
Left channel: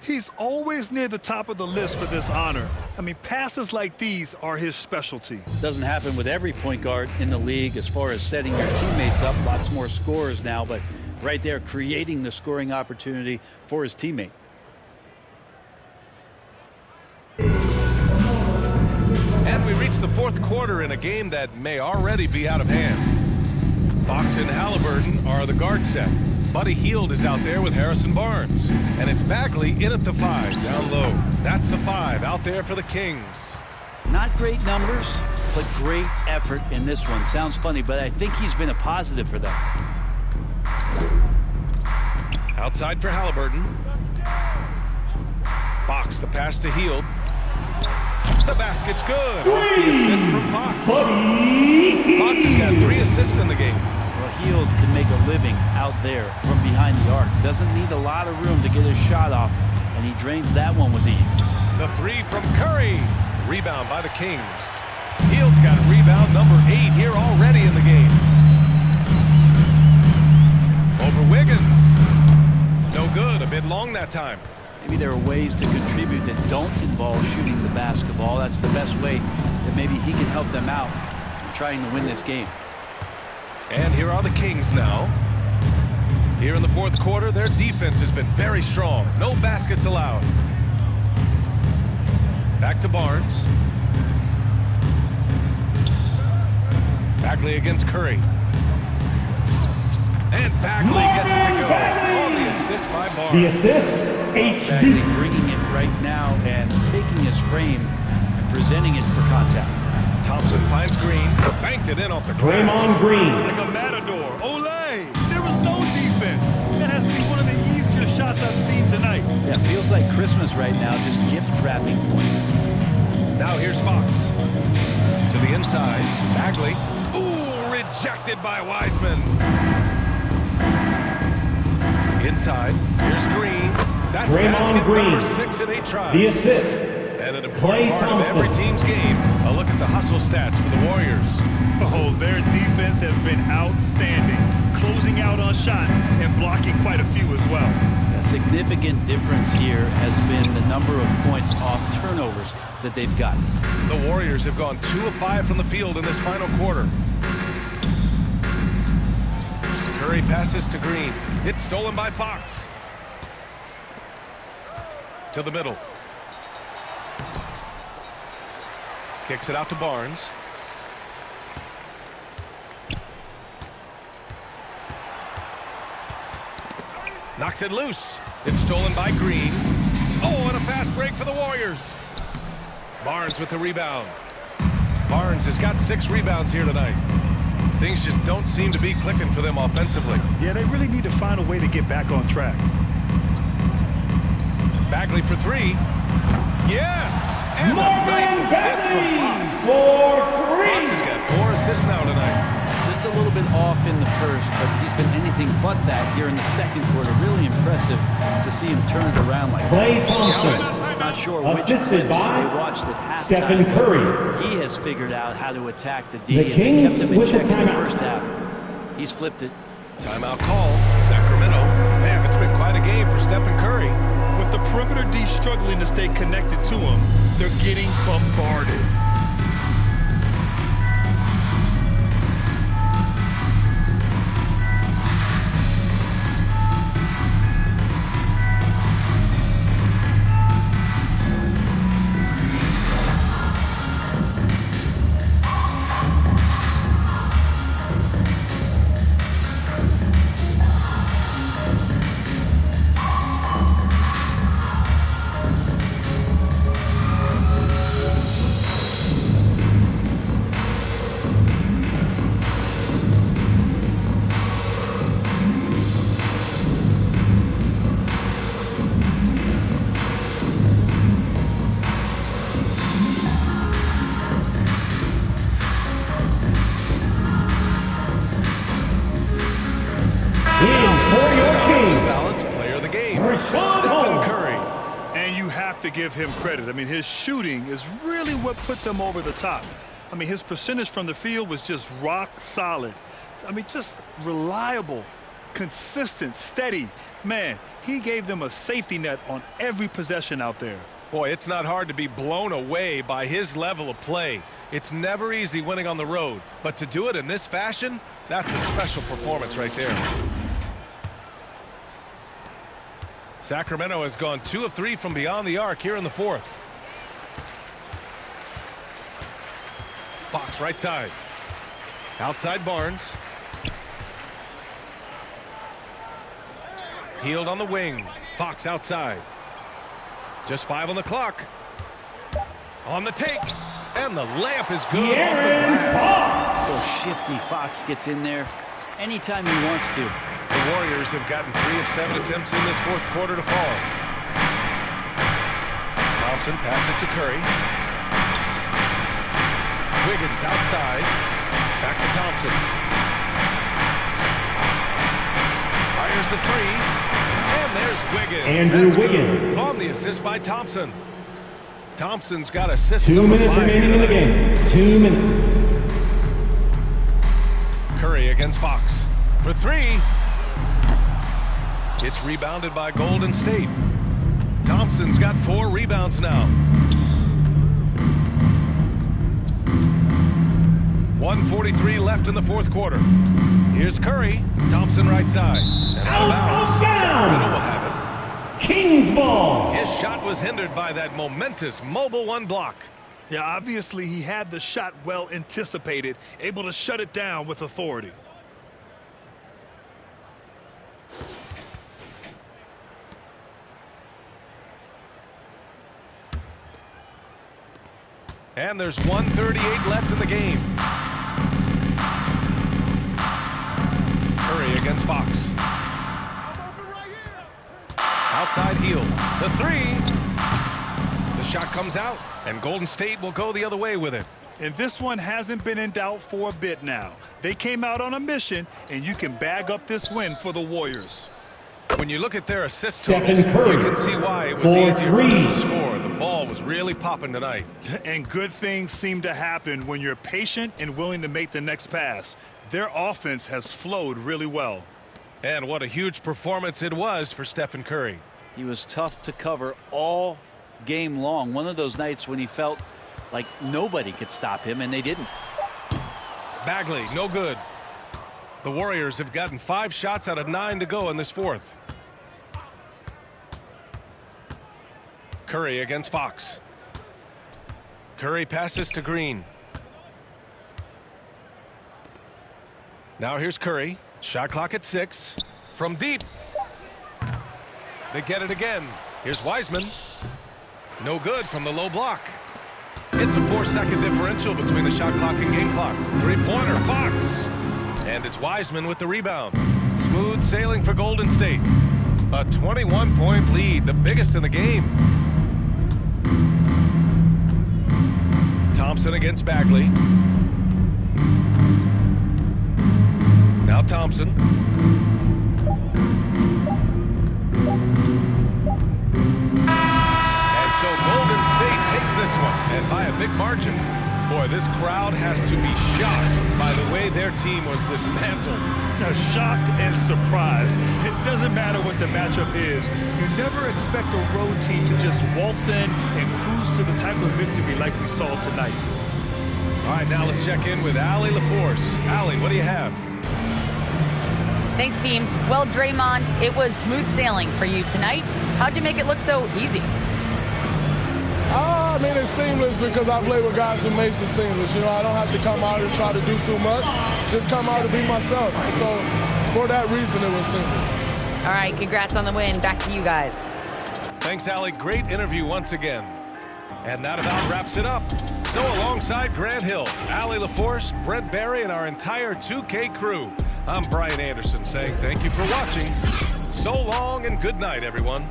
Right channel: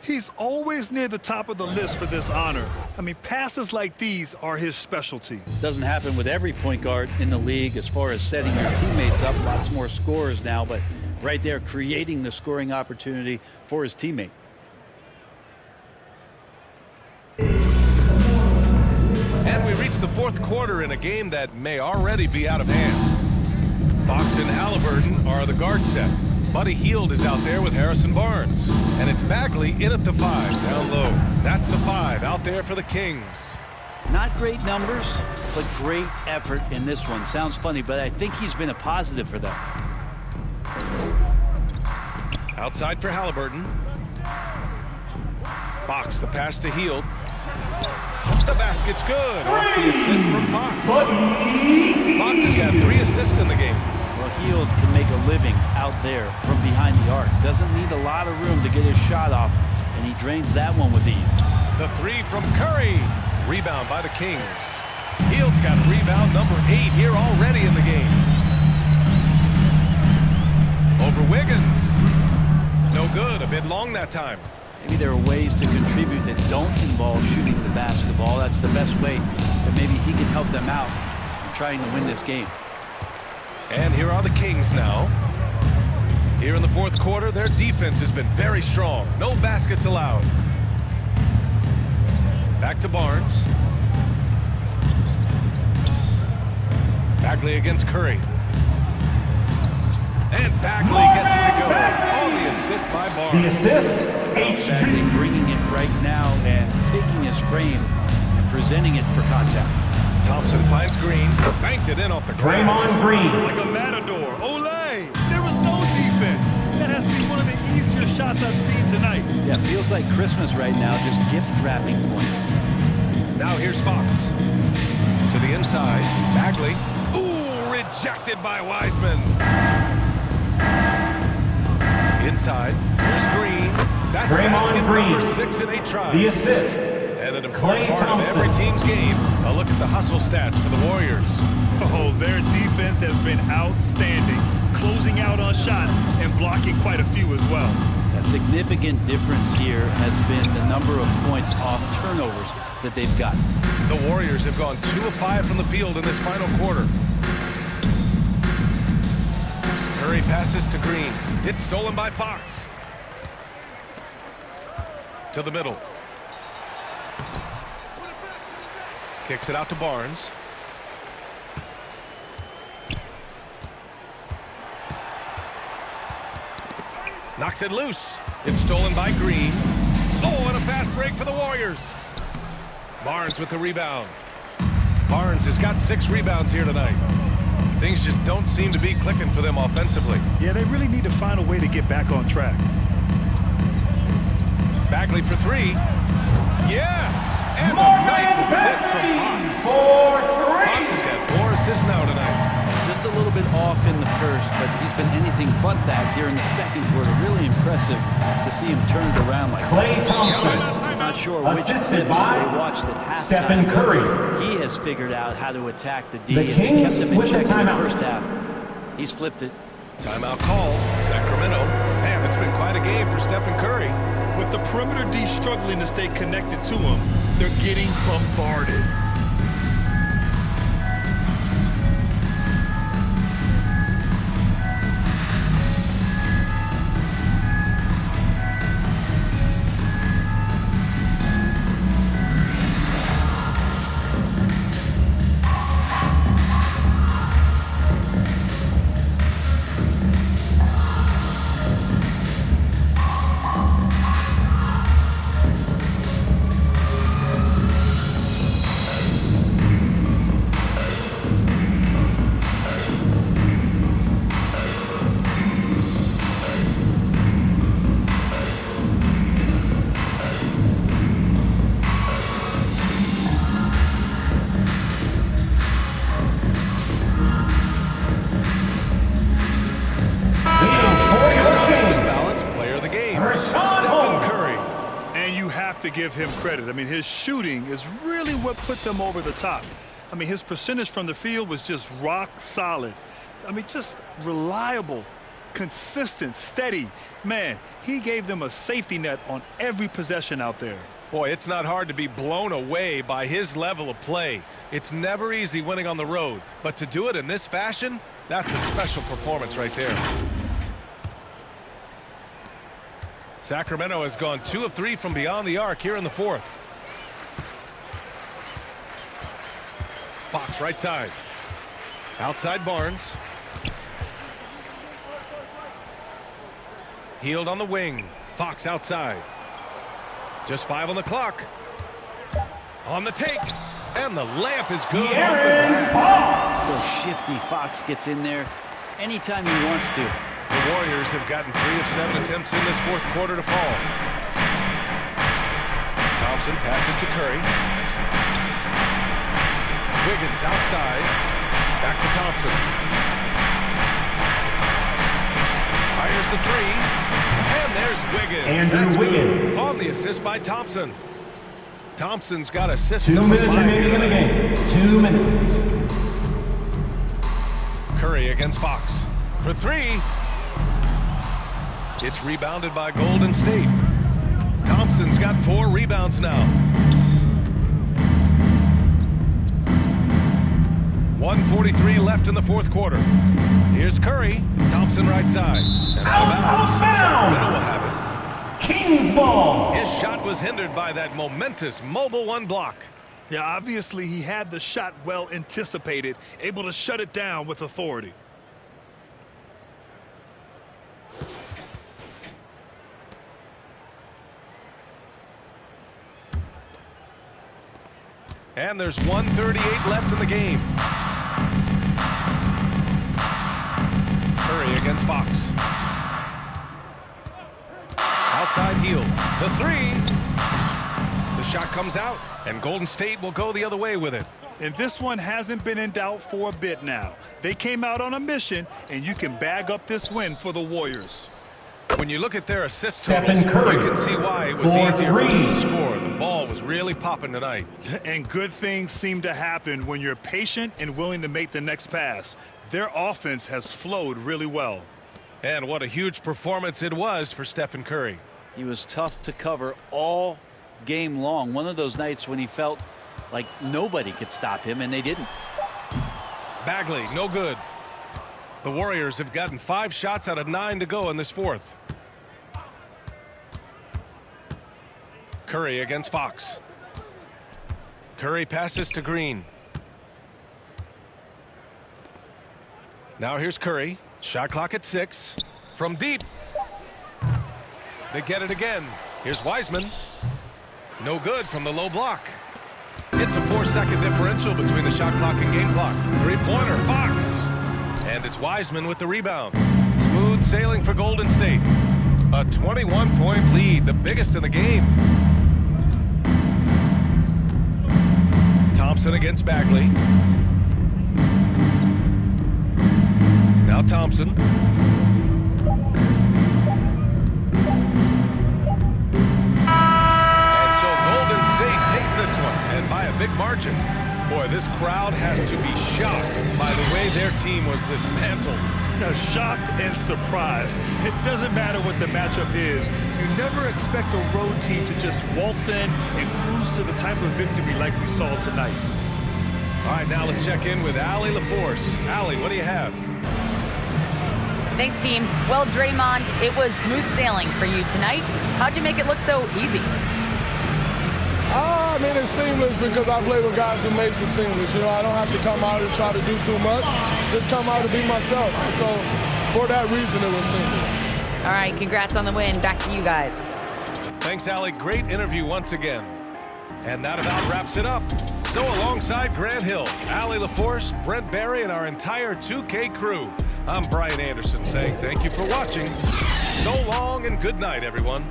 He's always near the top of the list for this honor. I mean, passes like these are his specialty. Doesn't happen with every point guard in the league as far as setting your teammates up. Lots more scorers now, but right there creating the scoring opportunity for his teammate. And we reach the 4th quarter in a game that may already be out of hand. Fox and Halliburton are the guard set. Buddy Hield is out there with Harrison Barnes. And it's Bagley in at the 5, down low. That's the 5 out there for the Kings. Not great numbers, but great effort in this one. Sounds funny, but I think he's been a positive for them. Outside for Halliburton. Fox, the pass to Hield. The basket's good. Off the assist from Fox. Fox has got 3 assists in the game. Well, Hield can make a living out there from behind the arc. Doesn't need a lot of room to get his shot off, and he drains that one with ease. The 3 from Curry. Rebound by the Kings. Hield's got rebound number 8 here already in the game. Over Wiggins. No good. A bit long that time. Maybe there are ways to contribute that don't involve shooting the basketball. That's the best way that maybe he can help them out in trying to win this game. And here are the Kings now. Here in the 4th quarter, their defense has been very strong. No baskets allowed. Back to Barnes. Bagley against Curry. And Bagley gets it to go. On the assist by Barnes. The assist, Bagley bringing it right now and taking his frame and presenting it for contact. Thompson finds Green, banked it in off the glass. Draymond Green. Like a matador. Olé! There was no defense. That has to be one of the easier shots I've seen tonight. Yeah, it feels like Christmas right now, just gift wrapping points. Now here's Fox. To the inside, Bagley. Ooh, rejected by Wiseman. Inside, here's Green. That's basket number 6 in 8 tries. The assist. And an important part of every team's game, a look at the hustle stats for the Warriors. Oh, their defense has been outstanding, closing out on shots and blocking quite a few as well. A significant difference here has been the number of points off turnovers that they've gotten. The Warriors have gone 2 of 5 from the field in this final quarter. Curry passes to Green. It's stolen by Fox. To the middle. Kicks it out to Barnes. Knocks it loose. It's stolen by Green. Oh, and a fast break for the Warriors. Barnes with the rebound. Barnes has got 6 rebounds here tonight. Things just don't seem to be clicking for them offensively. Yeah, they really need to find a way to get back on track. Bagley for 3. Yes! And a nice assist from Fox. For 3. Fox has got 4 assists now tonight. Just a little bit off in the first, but he's been anything but that here in the second quarter. Really impressive to see him turn it around like Klay that. Thompson. Not sure which Assisted clips by they watched at halftime. Stephen Curry. He has figured out how to attack the D, The and Kings they kept him in with the check in the timeout. first half. He's flipped it. Timeout call. Sacramento. Man, it's been quite a game for Stephen Curry. With the perimeter D struggling to stay connected to him, they're getting bombarded. Stephen Curry. And you have to give him credit. I mean, his shooting is really what put them over the top. I mean, his percentage from the field was just rock solid. I mean, just reliable, consistent, steady. Man, he gave them a safety net on every possession out there. Boy, it's not hard to be blown away by his level of play. It's never easy winning on the road, but to do it in this fashion, that's a special performance right there. Sacramento has gone 2 of 3 from beyond the arc here in the fourth. Fox right side. Outside Barnes. Hield on the wing. Fox outside. Just 5 on the clock. On the take. And the layup is good off the glass. So shifty. Fox gets in there anytime he wants to. The Warriors have gotten 3 of 7 attempts in this fourth quarter to fall. Thompson passes to Curry. Wiggins outside. Back to Thompson. Fires the 3. And there's Wiggins. Andrew That's Wiggins. good. On the assist by Thompson. Thompson's got assist 2 number minutes 5 remaining in the game. 2 minutes. Curry against Fox. For 3. It's rebounded by Golden State. Thompson's got 4 rebounds now. 1:43 left in the fourth quarter. Here's Curry. Thompson right side. And out of bounds. Sacramento will have it. Kings ball. His shot was hindered by that momentous mobile 1 block. Yeah, obviously he had the shot well anticipated, able to shut it down with authority. And there's 1:38 left in the game. Curry against Fox. Outside heel. The 3. The shot comes out, and Golden State will go the other way with it. And this one hasn't been in doubt for a bit now. They came out on a mission, and you can bag up this win for the Warriors. When you look at their assist Stephen totals, Curry you can see why it was for easier for 3. them to score. The ball was really popping tonight. And good things seem to happen when you're patient and willing to make the next pass. Their offense has flowed really well. And what a huge performance it was for Stephen Curry. He was tough to cover all game long. One of those nights when he felt like nobody could stop him, and they didn't. Bagley, no good. The Warriors have gotten 5 shots out of 9 to go in this fourth. Curry against Fox. Curry passes to Green. Now here's Curry. Shot clock at 6. From deep. They get it again. Here's Wiseman. No good from the low block. It's a 4-second differential between the shot clock and game clock. Three-pointer, Fox. And it's Wiseman with the rebound. Smooth sailing for Golden State. A 21-point lead, the biggest in the game. Thompson against Bagley. Now Thompson. And so Golden State takes this one, and by a big margin. Boy, this crowd has to be shocked by the way their team was dismantled. Now, shocked and surprised. It doesn't matter what the matchup is. You never expect a road team to just waltz in and cruise to the type of victory like we saw tonight. All right, now let's check in with Allie LaForce. Allie, what do you have? Thanks, team. Well, Draymond, it was smooth sailing for you tonight. How'd you make it look so easy? I mean, it's seamless because I play with guys who makes it seamless. You know, I don't have to come out and try to do too much. Just come out and be myself. So for that reason, it was seamless. All right, congrats on the win. Back to you guys. Thanks, Allie. Great interview once again. And that about wraps it up. So alongside Grant Hill, Allie LaForce, Brent Barry, and our entire 2K crew, I'm Brian Anderson saying thank you for watching. So long and good night, everyone.